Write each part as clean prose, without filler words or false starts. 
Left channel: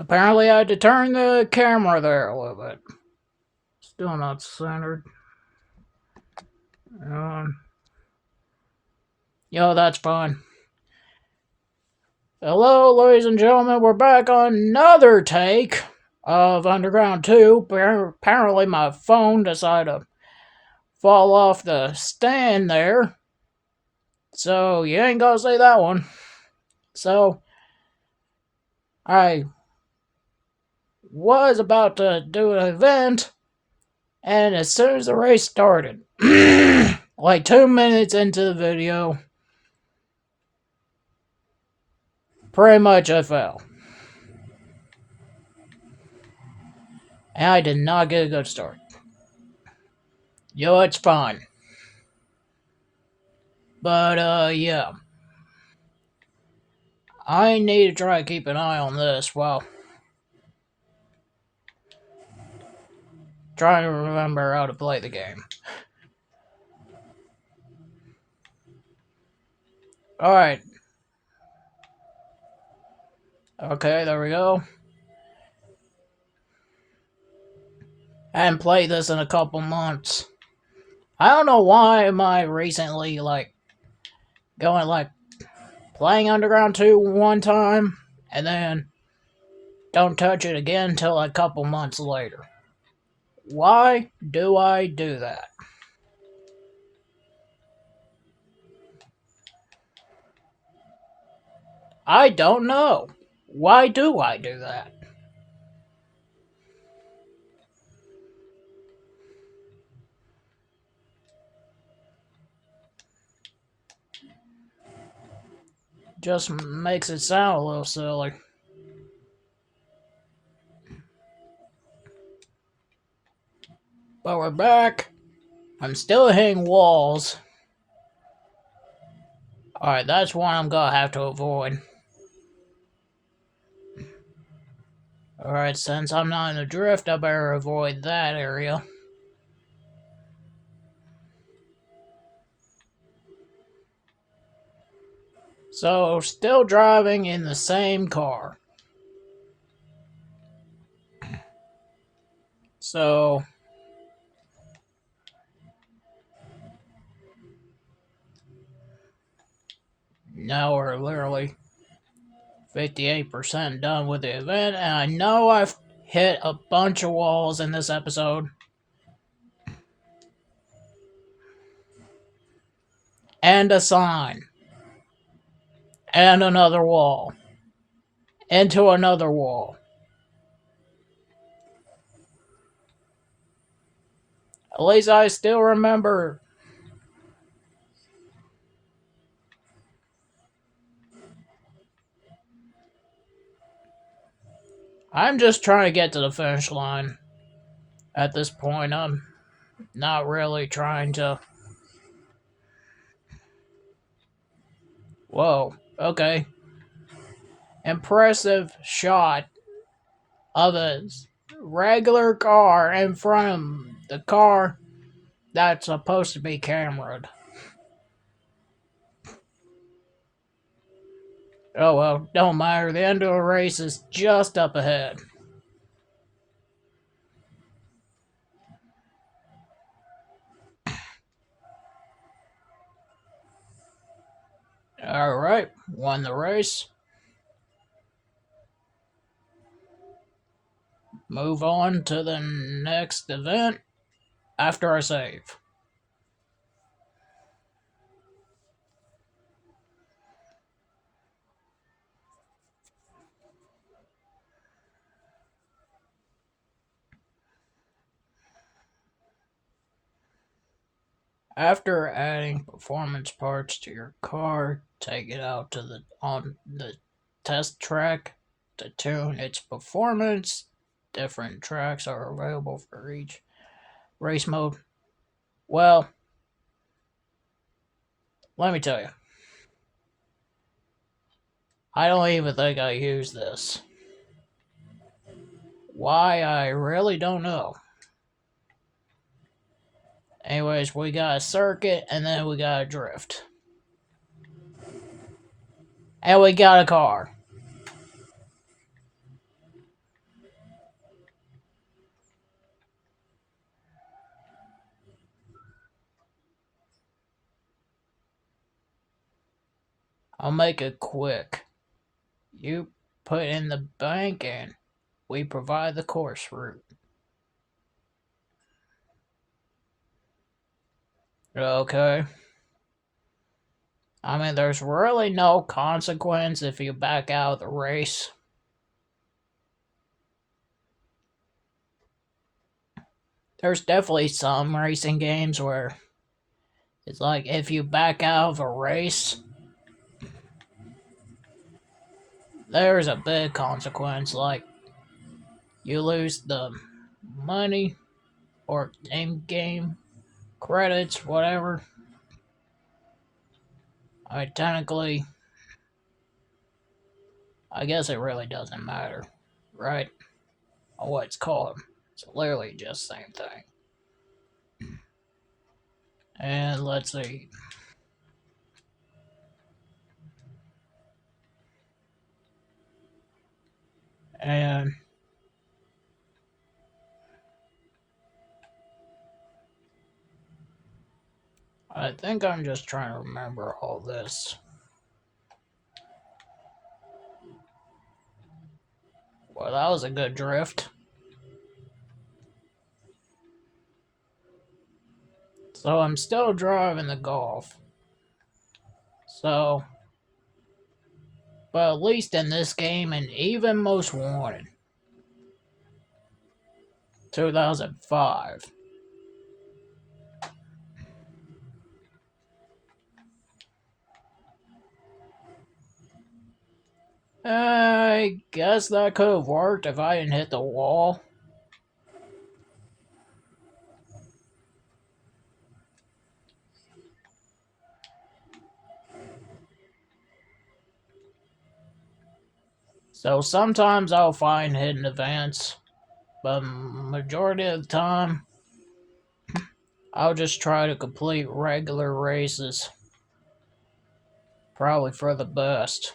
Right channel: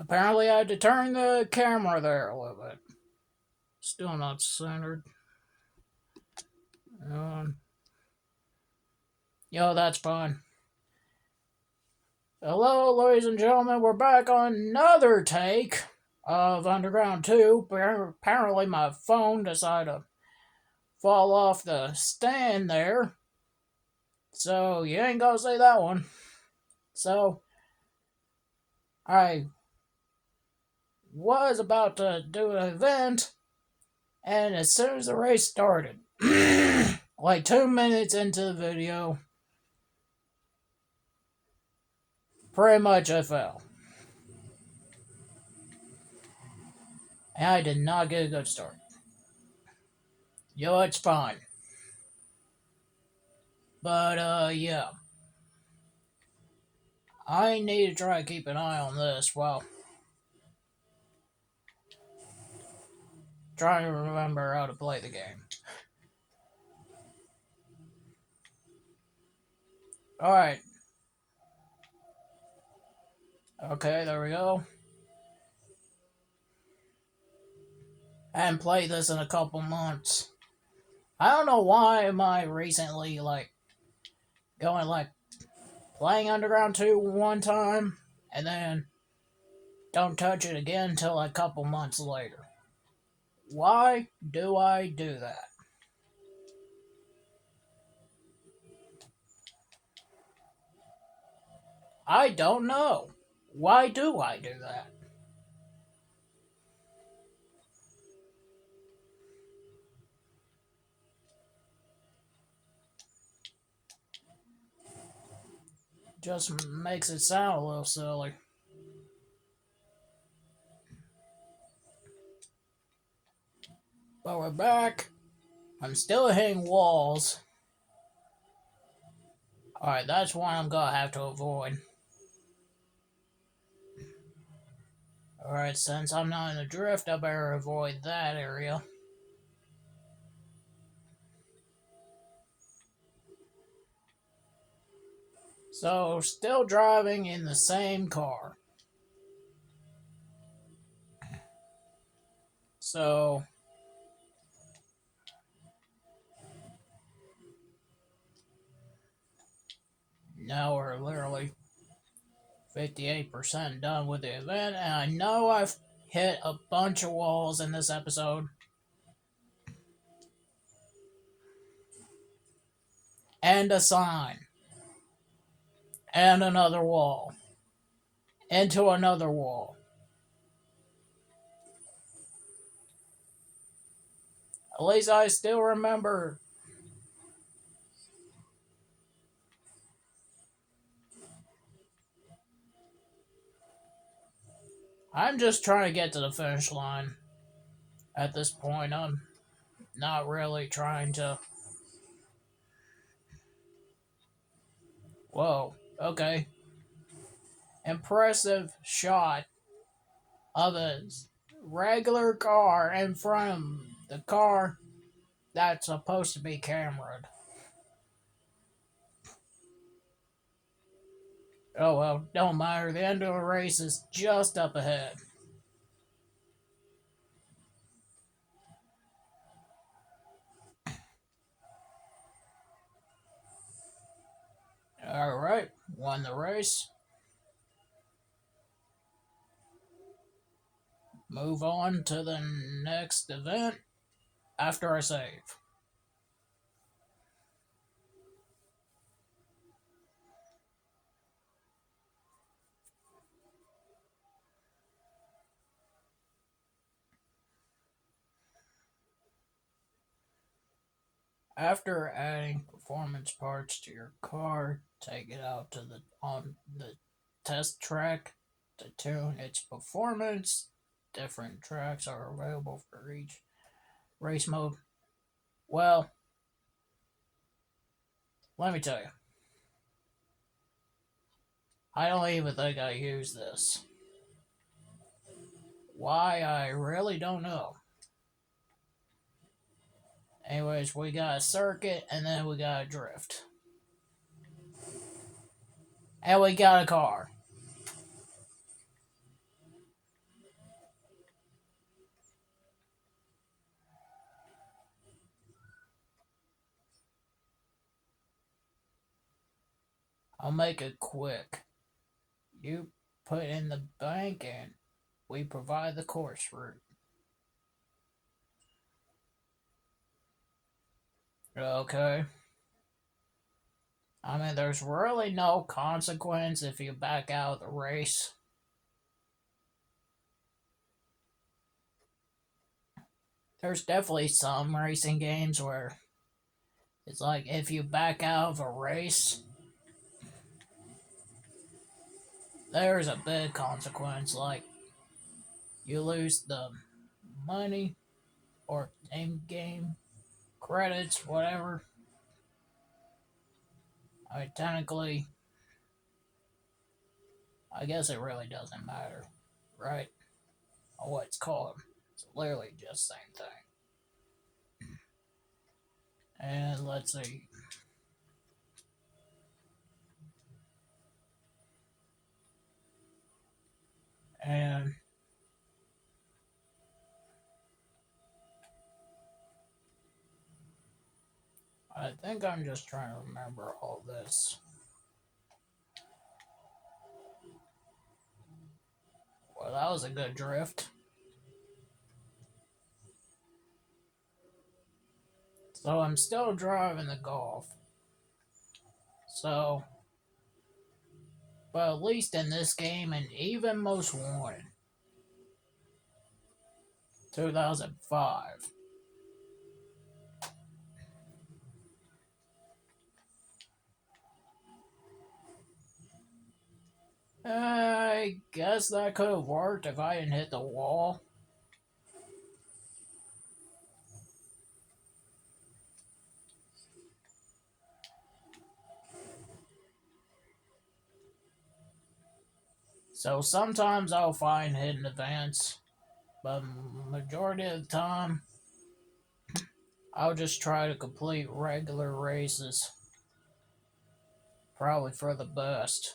Apparently, I had to turn the camera there a little bit. Still not centered. Um, that's fine. Hello, ladies and gentlemen. We're back on another take of Underground 2. Apparently, my phone decided to fall off the stand there. So, you ain't gonna see that one. So, I was about to do an event, and as soon as the race started, like 2 minutes into the video, pretty much I fell. And I did not get a good start. It's fine. But, yeah. I need to try to keep an eye on this while trying to remember how to play the game. Alright. Okay, there we go. I haven't played this in a couple months. I don't know why am I recently, going, playing Underground 2 one time, and then don't touch it again until a couple months later. Why do I do that? I don't know. Why do I do that? Just makes it sound a little silly. But we're back. I'm still hitting walls. Alright, that's one I'm gonna have to avoid. Alright, since I'm not in a drift, I better avoid that area. So, still driving in the same car. So, now we're literally 58% done with the event, and I know I've hit a bunch of walls in this episode. And a sign. And another wall. Into another wall. At least I still remember. I'm just trying to get to the finish line. At this point, I'm not really trying to. Whoa, okay. Impressive shot of a regular car in front of the car that's supposed to be cameraed. Oh well, don't matter. The end of the race is just up ahead. Alright, won the race. Move on to the next event after I save. After adding performance parts to your car, take it out to on the test track to tune its performance. Different tracks are available for each race mode. Well, let me tell you, I don't even think I use this. Why, I really don't know. Anyways, we got a circuit and then we got a drift. And we got a car. I'll make it quick. You put in the bank and we provide the course route. Okay. I mean, there's really no consequence if you back out of the race. There's definitely some racing games where it's like if you back out of a race, there's a big consequence. Like you lose the money or in game credits, whatever. Technically, I guess it really doesn't matter, right? What it's called. It's literally just the same thing. And let's see. And I think I'm just trying to remember all this. Well, that was a good drift. So I'm still driving the Golf. So, but at least in this game, and even Most Wanted, 2005. I guess that could have worked if I didn't hit the wall. So sometimes I'll find hidden events, but majority of the time, I'll just try to complete regular races. Probably for the best.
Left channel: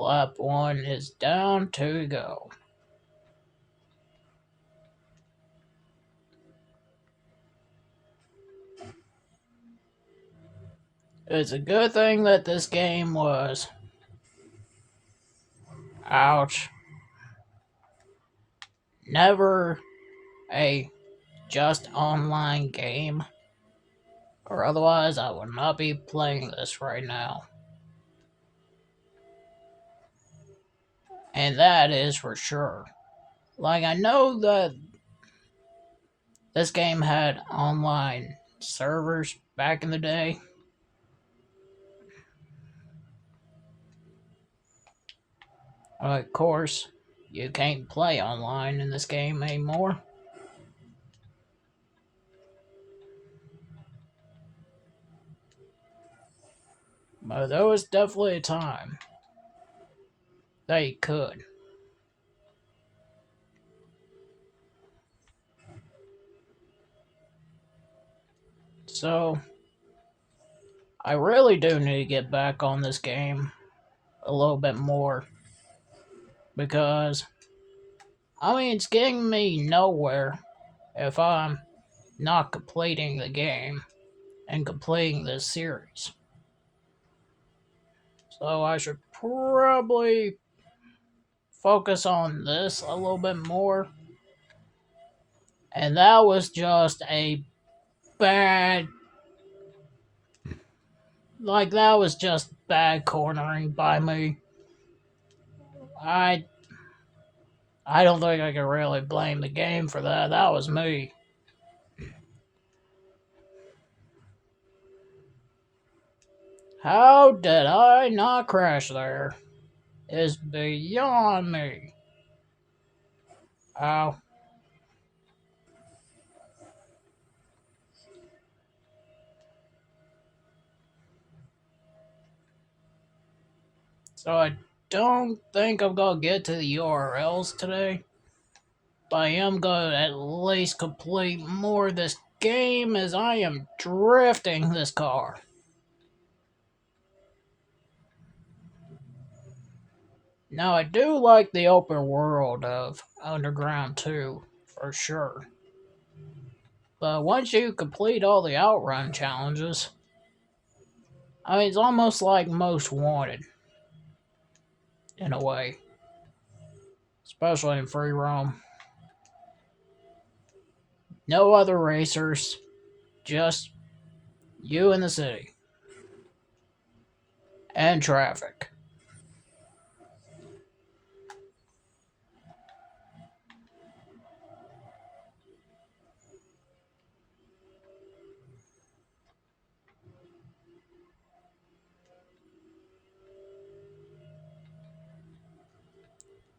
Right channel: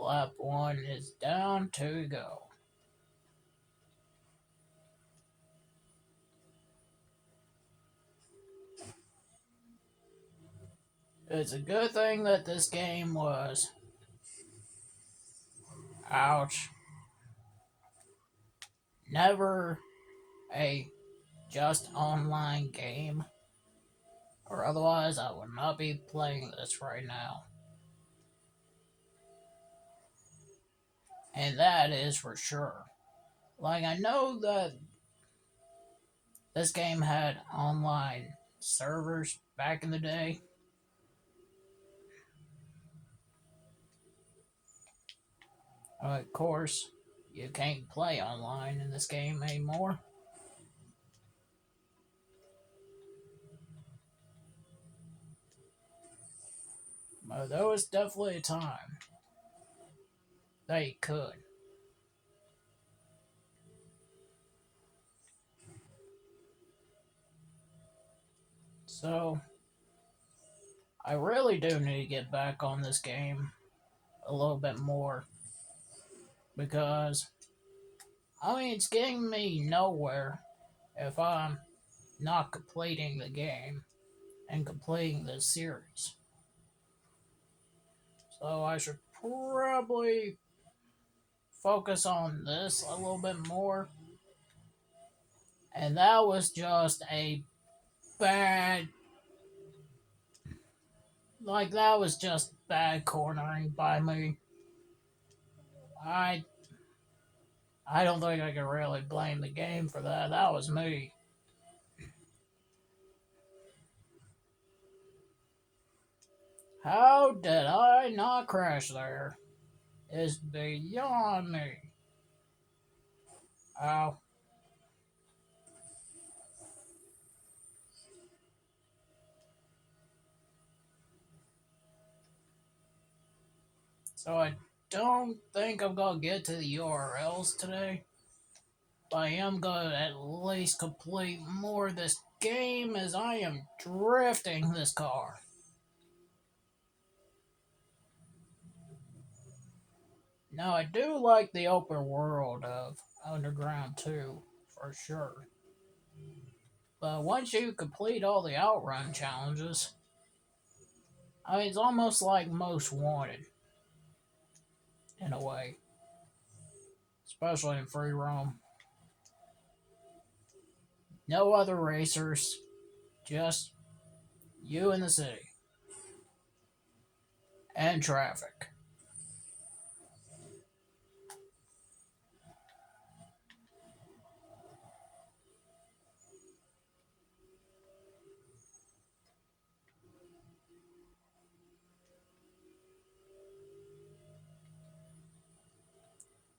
Lap 1 is down, 2 to go. It's a good thing that this game was, ouch, never a just online game, or otherwise I would not be playing this right now. And that is for sure. Like, I know that this game had online servers back in the day. Of course, you can't play online in this game anymore. But there was definitely a time that you could. So, I really do need to get back on this game a little bit more because, I mean, it's getting me nowhere if I'm not completing the game and completing this series. So, I should probably focus on this a little bit more. And that was just a bad, like, that was just bad cornering by me. I I don't think I can really blame the game for that. That was me. How did I not crash there? Is beyond me. Oh, so I don't think I'm gonna get to the URLs today, but I am gonna at least complete more of this game as I am drifting this car. Now, I do like the open world of Underground 2, for sure. But once you complete all the outrun challenges, I mean, it's almost like Most Wanted, in a way. Especially in free roam. No other racers, just you in the city. And traffic.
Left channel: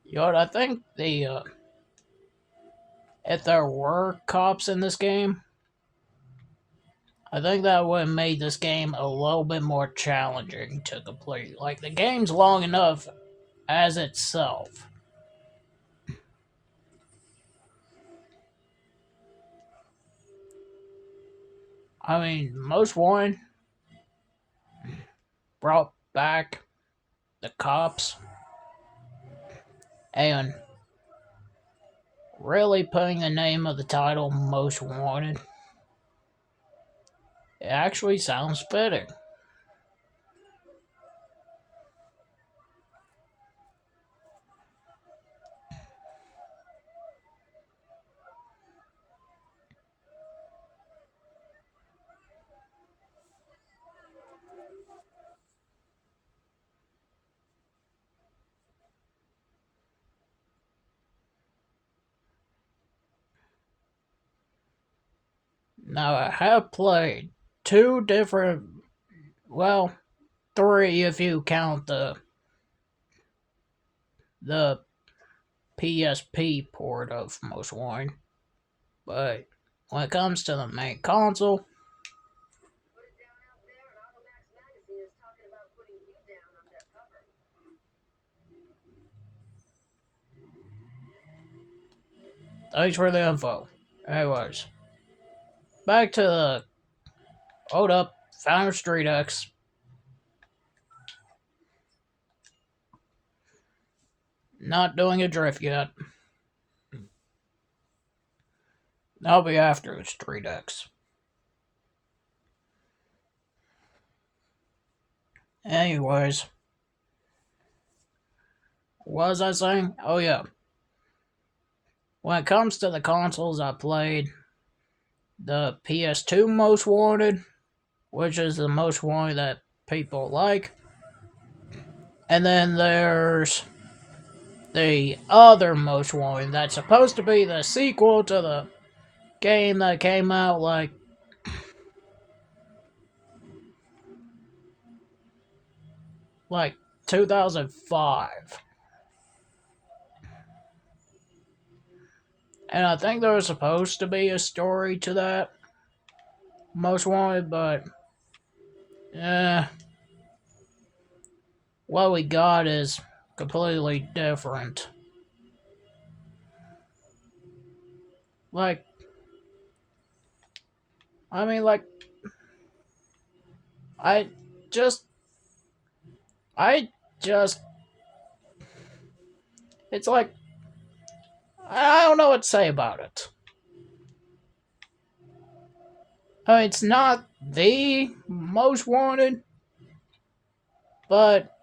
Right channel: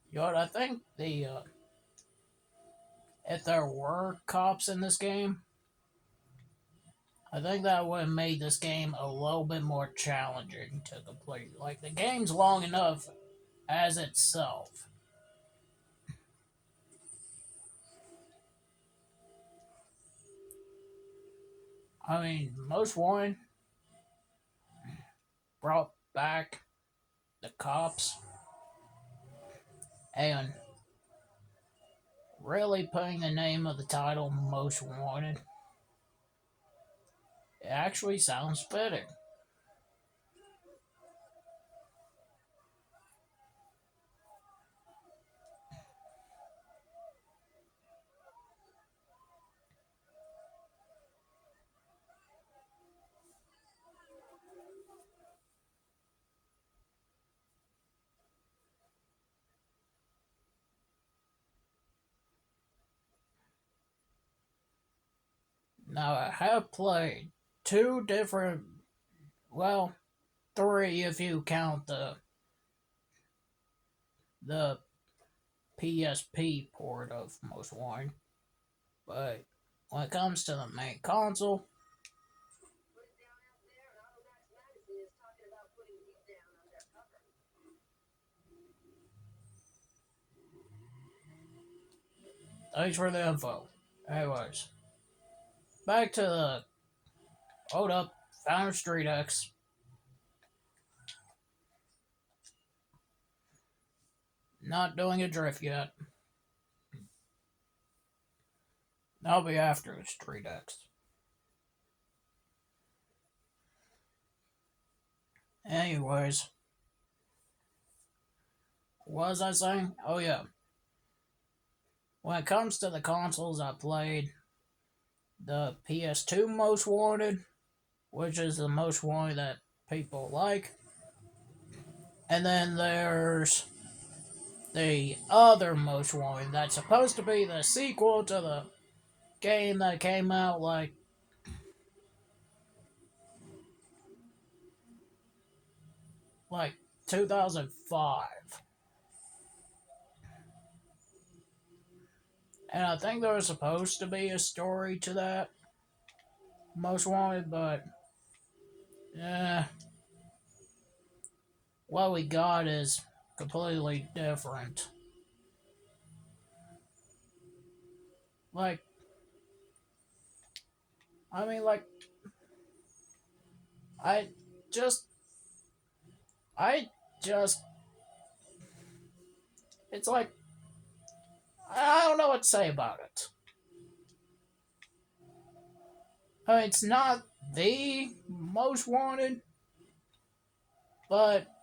You know what, I think if there were cops in this game, I think that would have made this game a little bit more challenging to complete. Like, the game's long enough as itself. I mean, Most Wanted brought back the cops and really putting the name of the title Most Wanted. It actually sounds fitting. Now, I have played two different, well, three if you count the PSP port of Most Wanted. But when it comes to the main console, thanks for the info. Anyways, back to the hold up, Founder Street X. Not doing a drift yet. That'll be after the Street X. Anyways, what was I saying? Oh yeah. When it comes to the consoles, I played the PS2 Most Wanted, which is the Most Wanted that people like. And then there's the other Most Wanted that's supposed to be the sequel to the game that came out like 2005. And I think there was supposed to be a story to that Most Wanted, but eh, what we got is completely different. Like, I mean, like, I just, I just, it's like, I don't know what to say about it. I mean, it's not the Most Wanted, but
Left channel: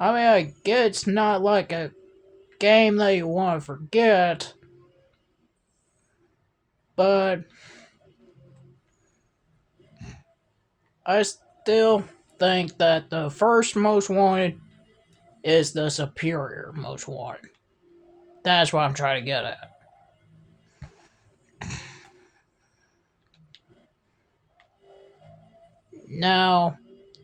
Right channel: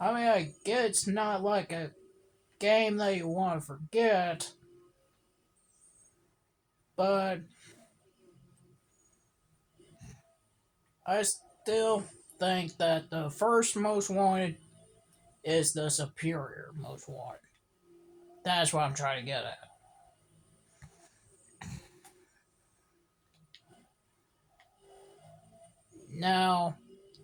I mean, I get it's not like a game that you want to forget, but I still think that the first Most Wanted is the superior Most Wanted. That's what I'm trying to get at. Now,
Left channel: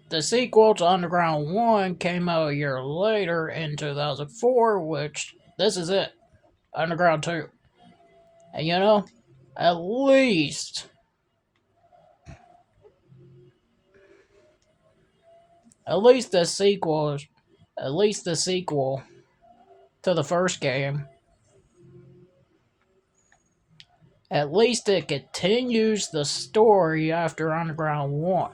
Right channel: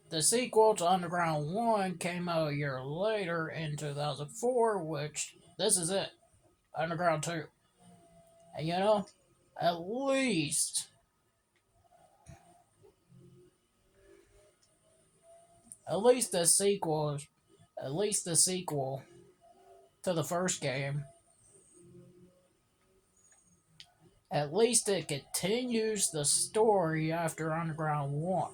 the sequel to Underground 1 came out a year later in 2004, which this is it Underground 2. And you know, at least, at least the sequel, at least the sequel to the first game At least it continues the story after Underground 1.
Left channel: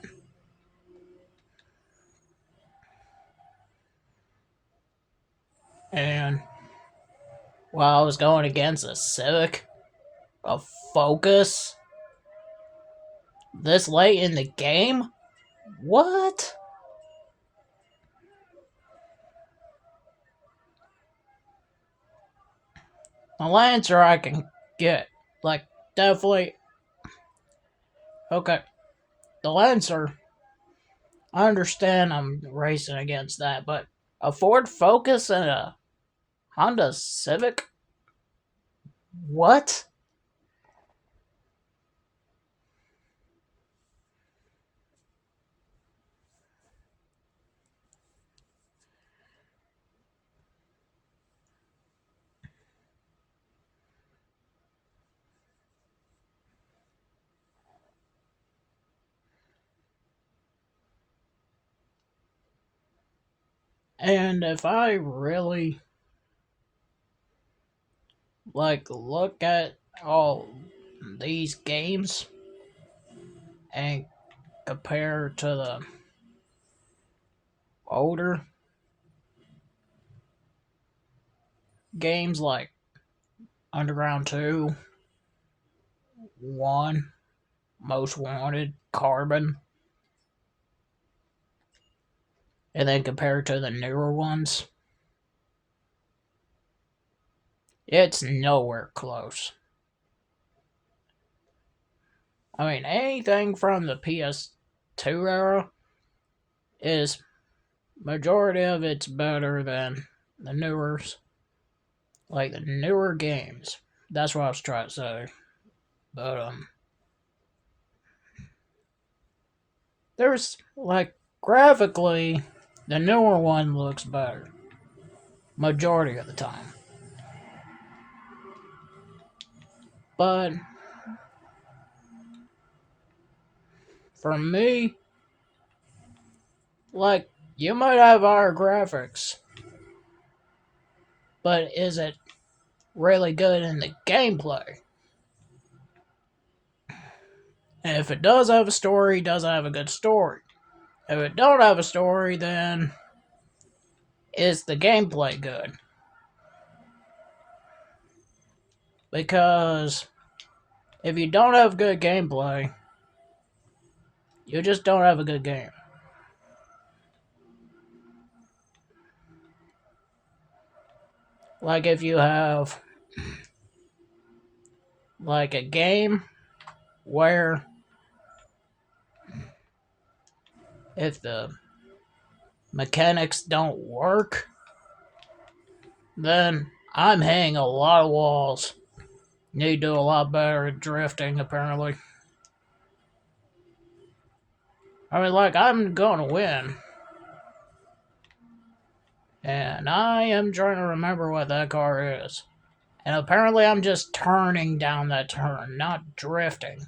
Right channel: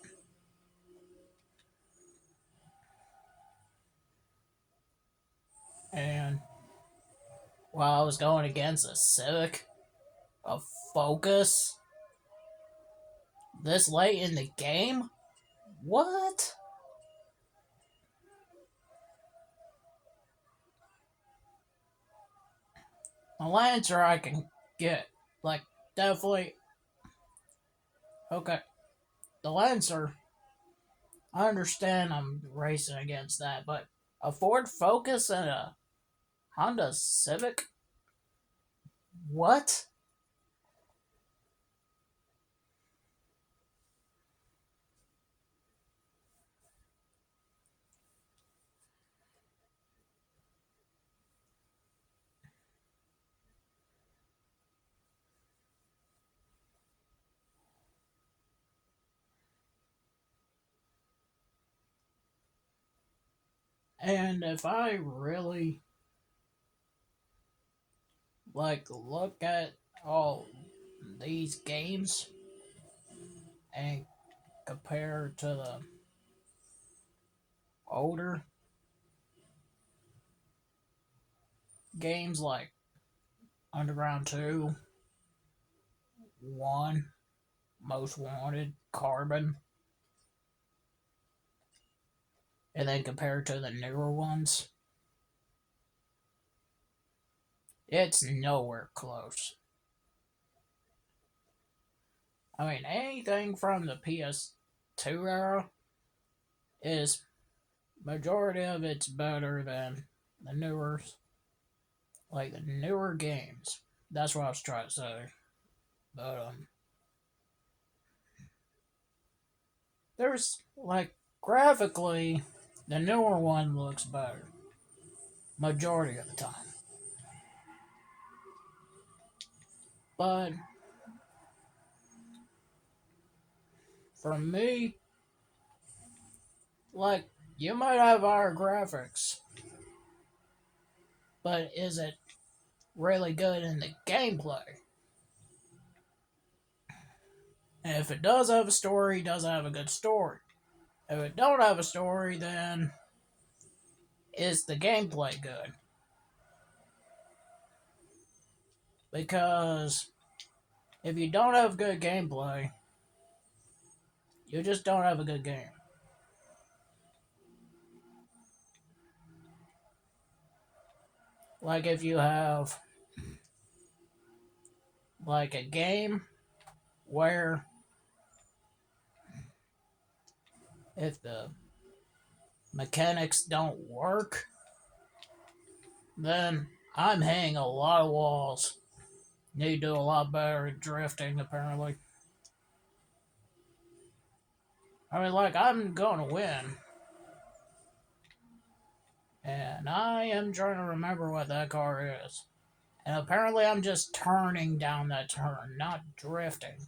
And while I was going against a Civic, a Focus, this late in the game? What? The Lancer I can get. Like, definitely. Okay. The Lancer, I understand I'm racing against that, but a Ford Focus and a Honda Civic? What? And if I really look at all these games and compare to the older games like Underground 2, 1, Most Wanted, Carbon, and then compare to the newer ones, it's nowhere close. I mean, anything from the PS2 era is majority of it's better than the newer, like the newer games. That's what I was trying to say. But there's like graphically, the newer one looks better majority of the time. But for me, like you might have higher graphics, but is it really good in the gameplay? And if it does have a story, does it have a good story? If it don't have a story, then is the gameplay good? Because if you don't have good gameplay, you just don't have a good game. Like if you have like a game where if the mechanics don't work, then I'm hitting a lot of walls. Need to do a lot better at drifting, apparently. I mean, like, I'm gonna win. And I am trying to remember what that car is. And apparently I'm just turning down that turn, not drifting.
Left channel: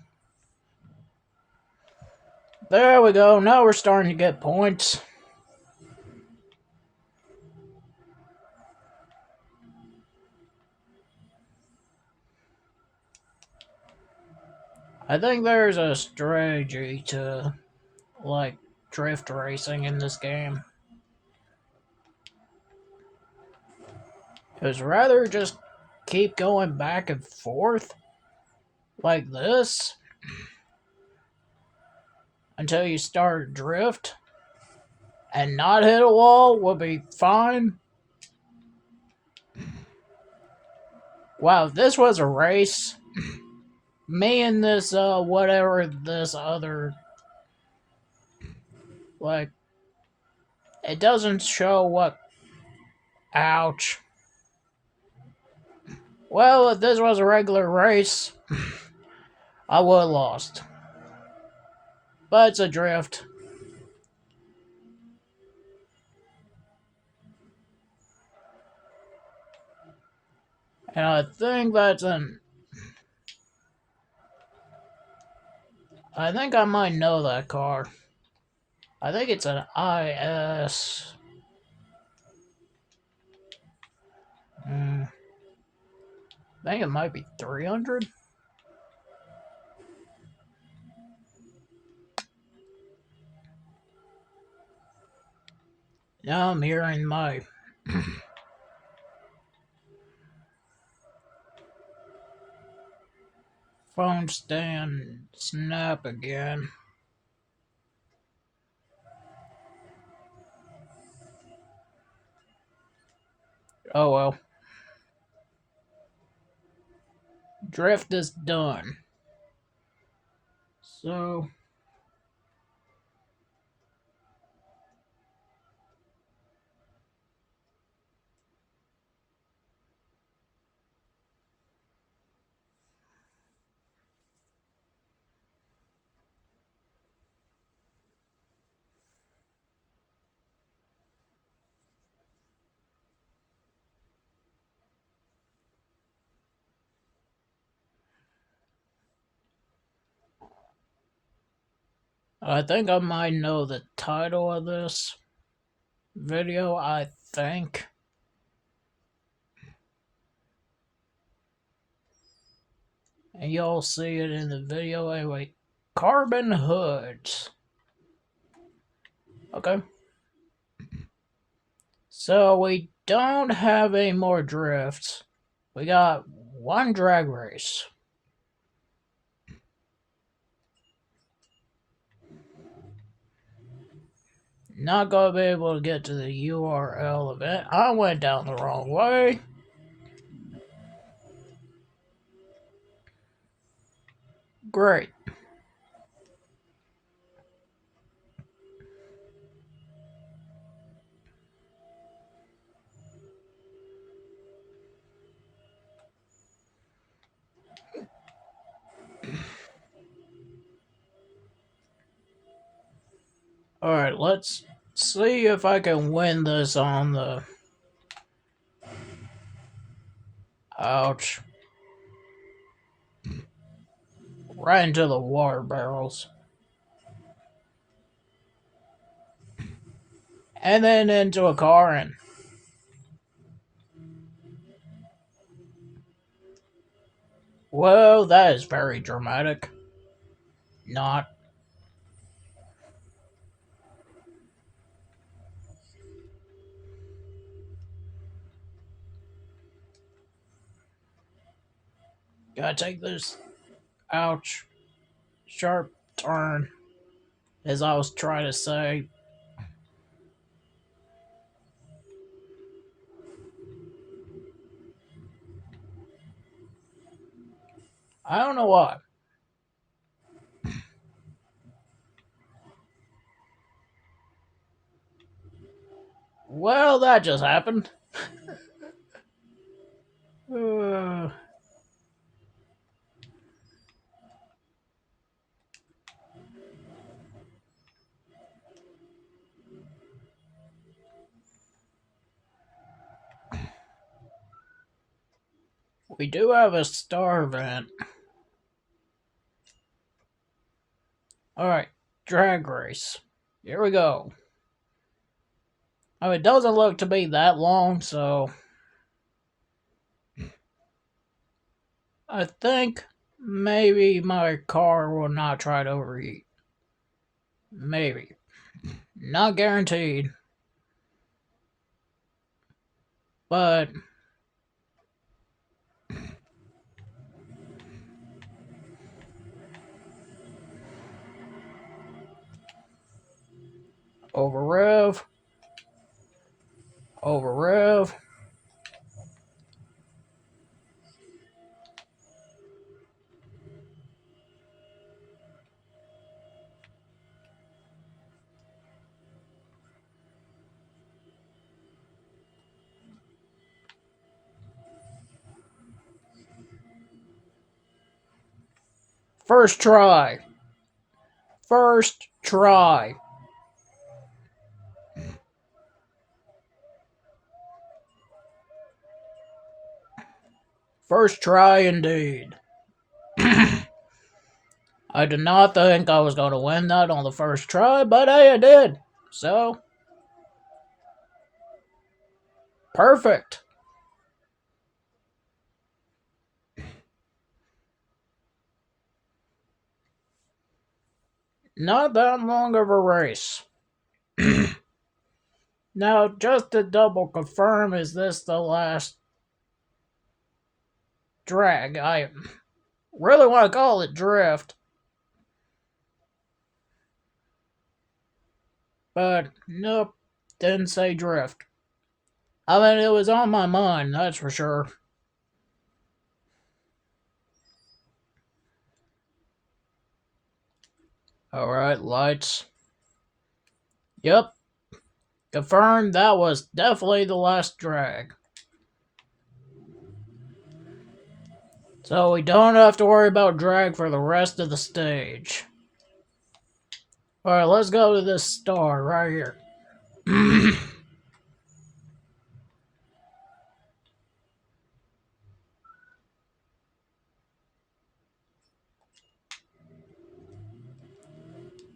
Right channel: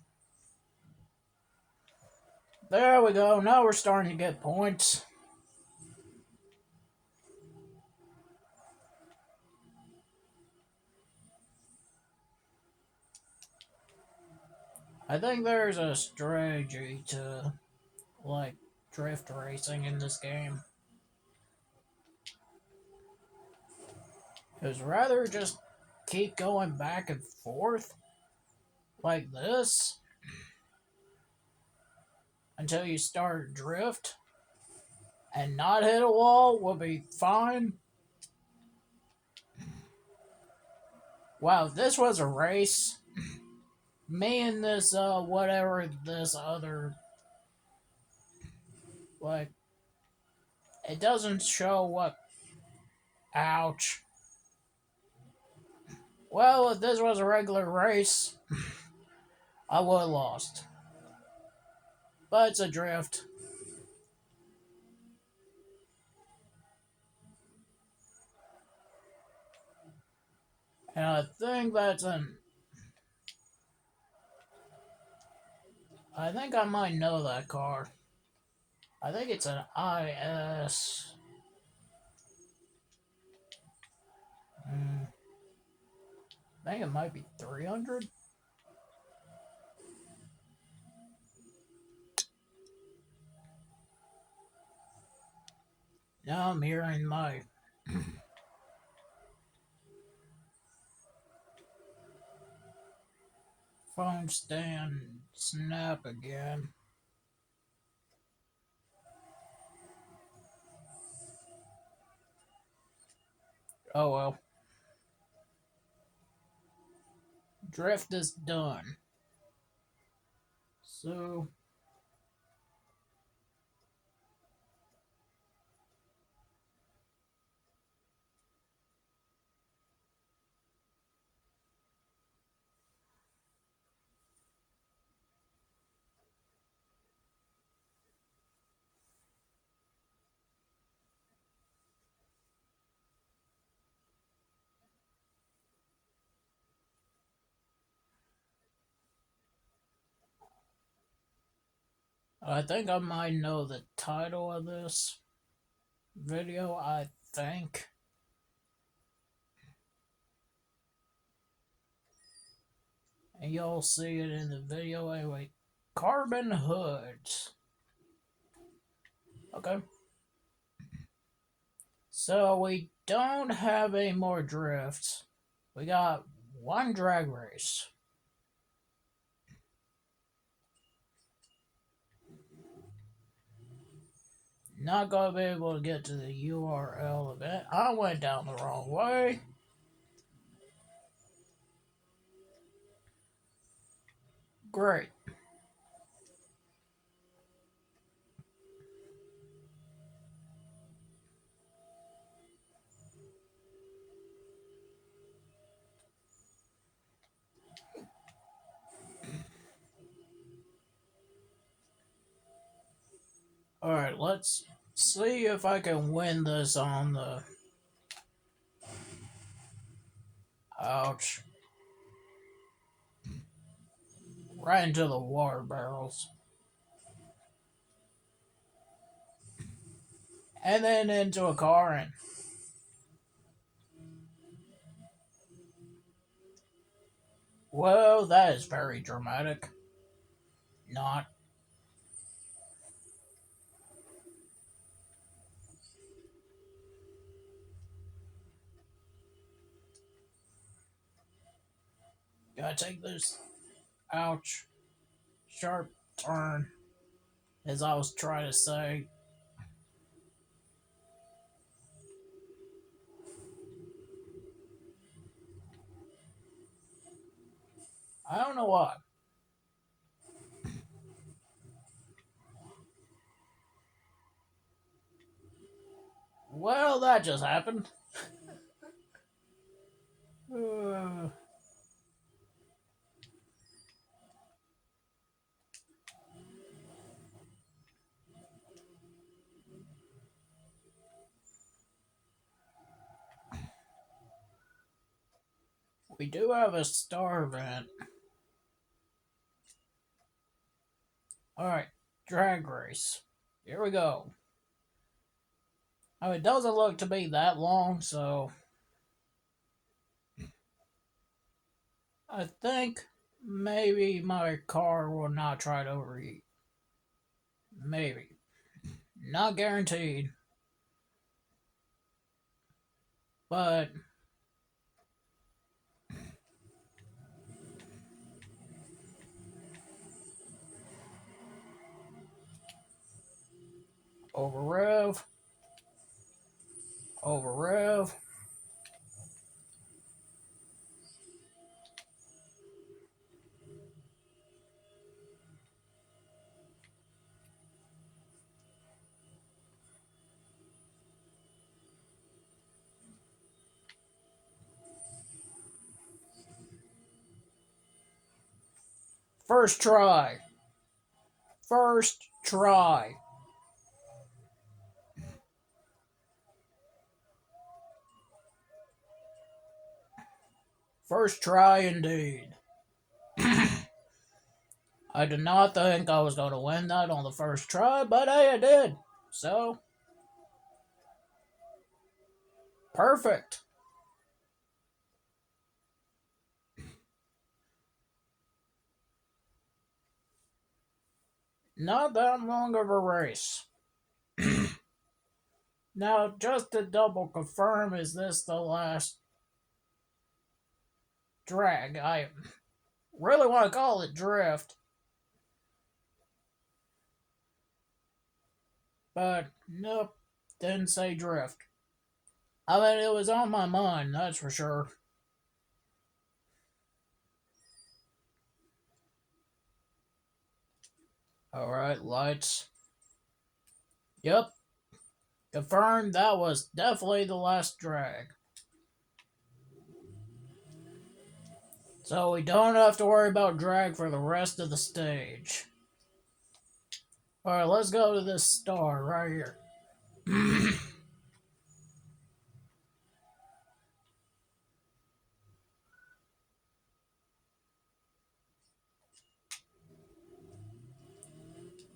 There we go. Now we're starting to get points. I think there's a strategy to, like, drift racing in this game. Because rather just keep going back and forth like this until you start drift and not hit a wall will be fine. Wow, if this was a race, me and this whatever this other, like, it doesn't show what, ouch. Well, if this was a regular race, I would have lost. But it's a drift. And I think that's an, I think I might know that car. I think it's an IS. I think it might be 300. Now I'm hearing my phone stand snap again. Oh well. Drift is done. So I think I might know the title of this video, I think. And you'll see it in the video anyway. Carbon hoods. Okay. So we don't have any more drifts. We got one drag race. Not gonna be able to get to the URL event. I went down the wrong way. Great. Alright, let's see if I can win this on the... Ouch. Right into the water barrels. And then into a car and... Well, that is very dramatic. Not. Gotta take this. Ouch. Sharp turn. As I was trying to say. I don't know why. Well, that just happened. We do have a star event. Alright, drag race. Here we go. Oh, it doesn't look to be that long, so I think maybe my car will not try to overheat. Maybe. Not guaranteed. But over rev. Over rev. First try. First try. First try indeed. I did not think I was going to win that on the first try, but hey, I did. So, perfect. Not that long of a race. Now, just to double confirm, is this the last drag? I really want to call it drift, but nope, didn't say drift. I mean, it was on my mind, that's for sure. Alright, lights. Yep, confirmed that was definitely the last drag. So we don't have to worry about drag for the rest of the stage. Alright, let's go to this star right here.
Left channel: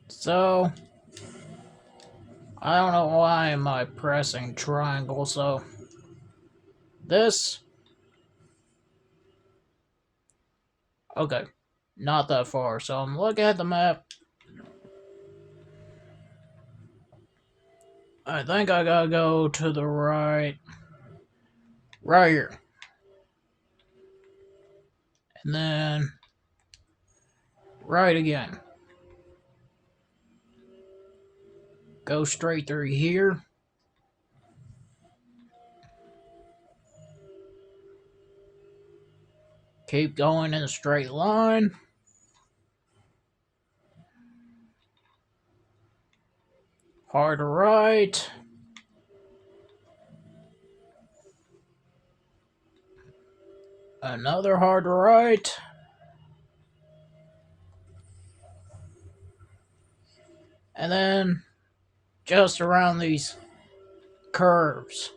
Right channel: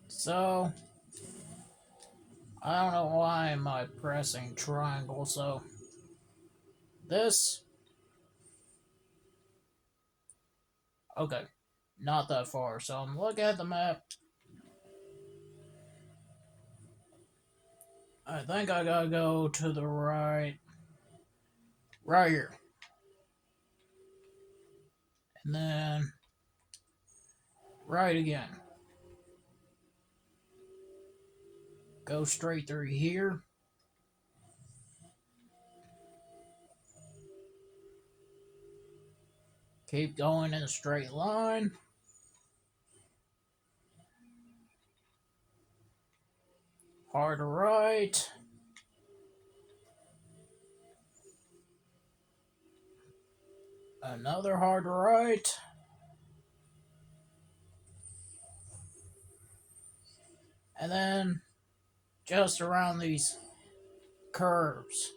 So, I don't know why am I pressing triangle, so this, okay, not that far. So I'm looking at the map. I think I gotta go to the right, right here. And then right again. Go straight through here. Keep going in a straight line. Hard right. Another hard right. And then just around these curves.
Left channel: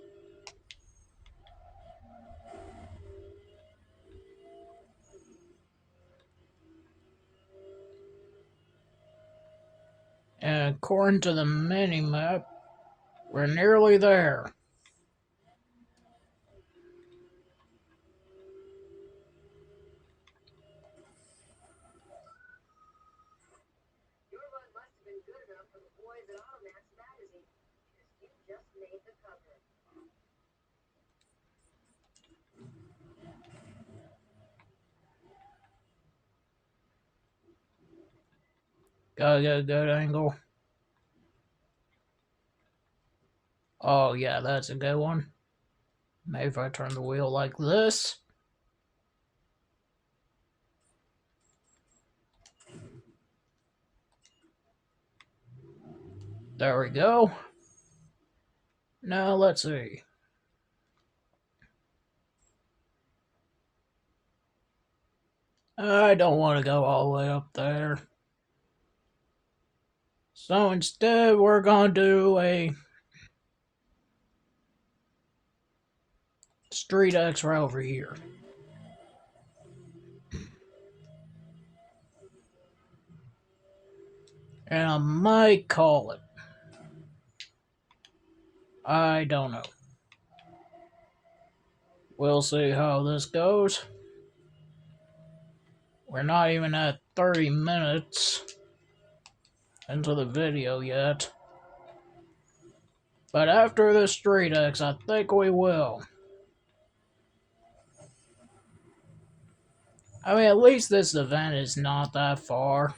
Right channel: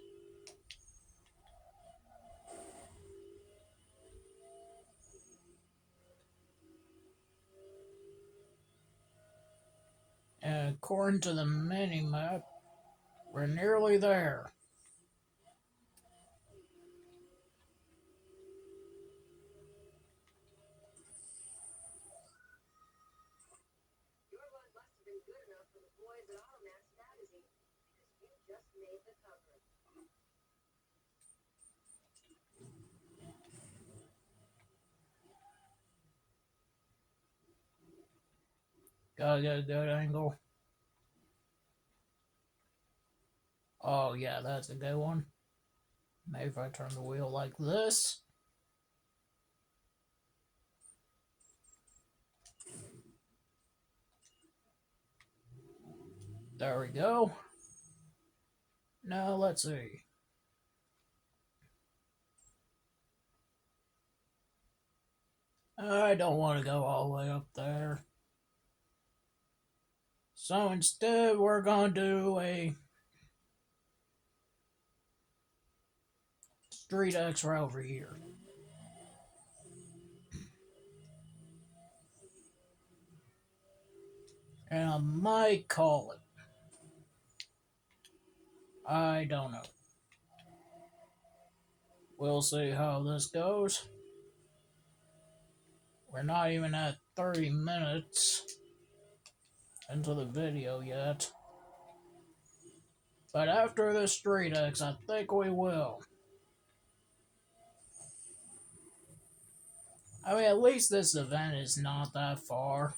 And according to the mini map, we're nearly there. Gotta get a good angle. Oh yeah, that's a good one. Maybe if I turn the wheel like this. There we go. Now let's see. I don't want to go all the way up there. So instead, we're going to do a street X right over here. And I might call it. I don't know. We'll see how this goes. We're not even at 30 minutes into the video yet. But after the street X, I think we will. I mean, at least this event is not that far.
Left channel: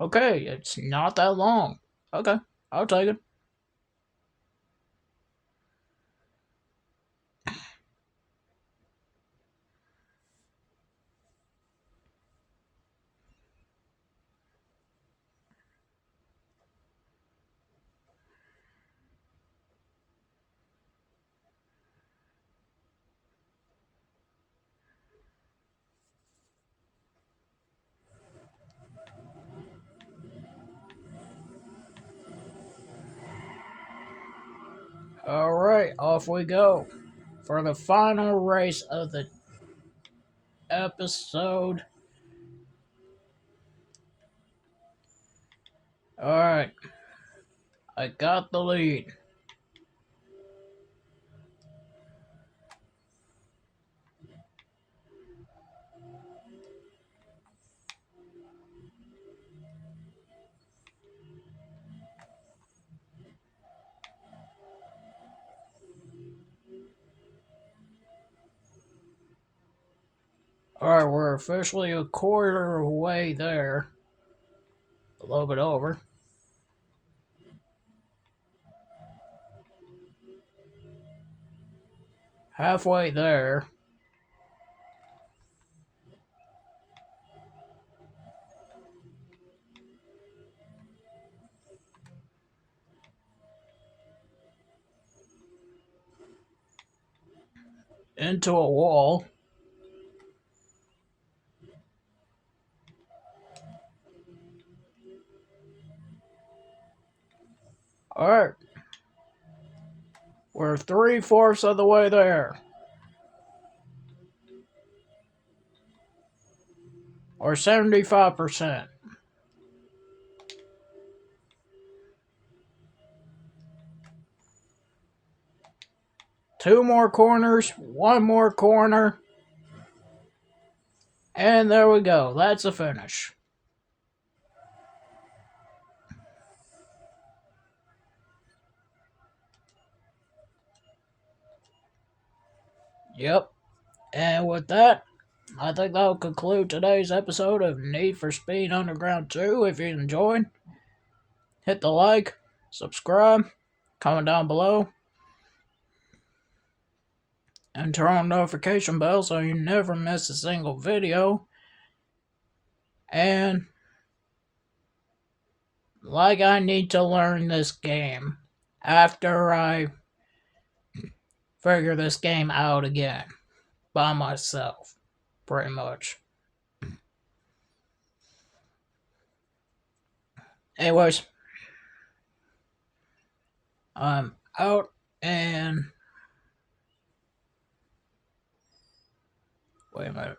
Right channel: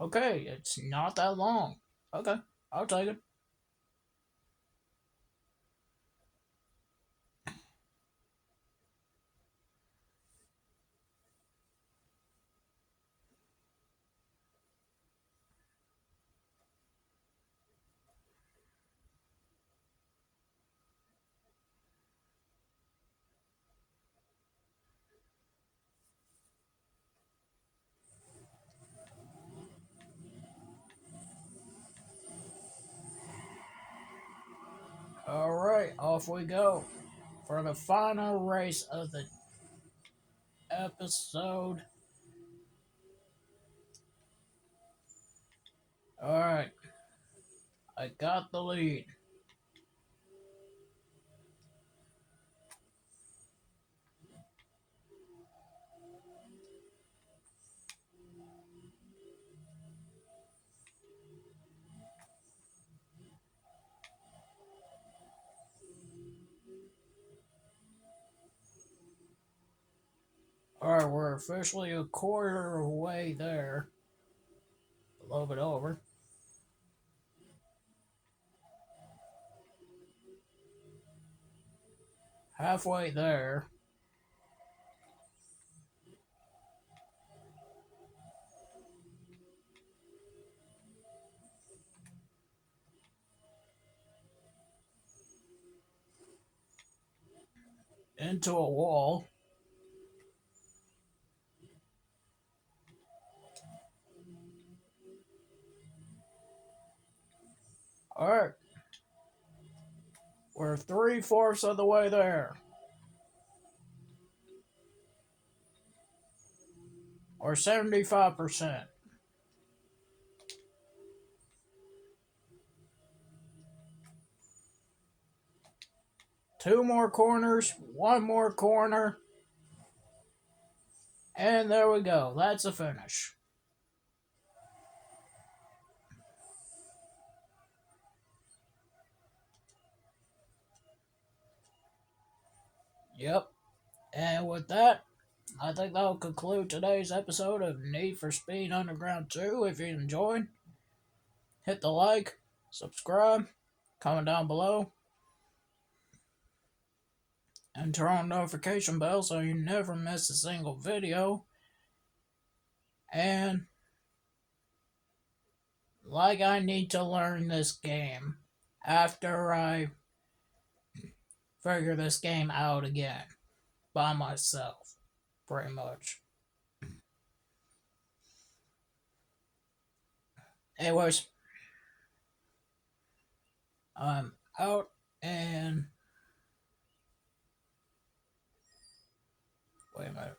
Okay, it's not that long. Okay, I'll take it. Alright, off we go for the final race of the episode. Alright. I got the lead. Alright, we're officially a quarter way there. A little bit over. Halfway there. Into a wall. Alright. We're 3/4 of the way there. Or 75%. Two more corners, one more corner. And there we go. That's a finish. Yep. And with that, I think that'll conclude today's episode of Need for Speed Underground 2. If you enjoyed, hit the like, subscribe, comment down below, and turn on notification bell so you never miss a single video. And like I need to learn this game after I figure this game out again by myself, pretty much. Anyways, I'm out and wait a minute.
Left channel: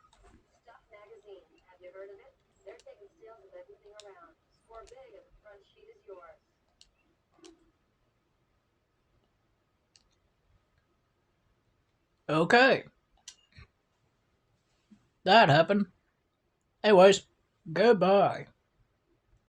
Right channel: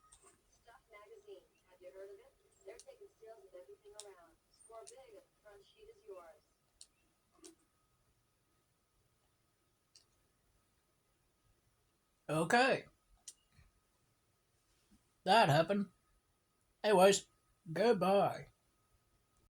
Okay. That happened. Anyways, goodbye.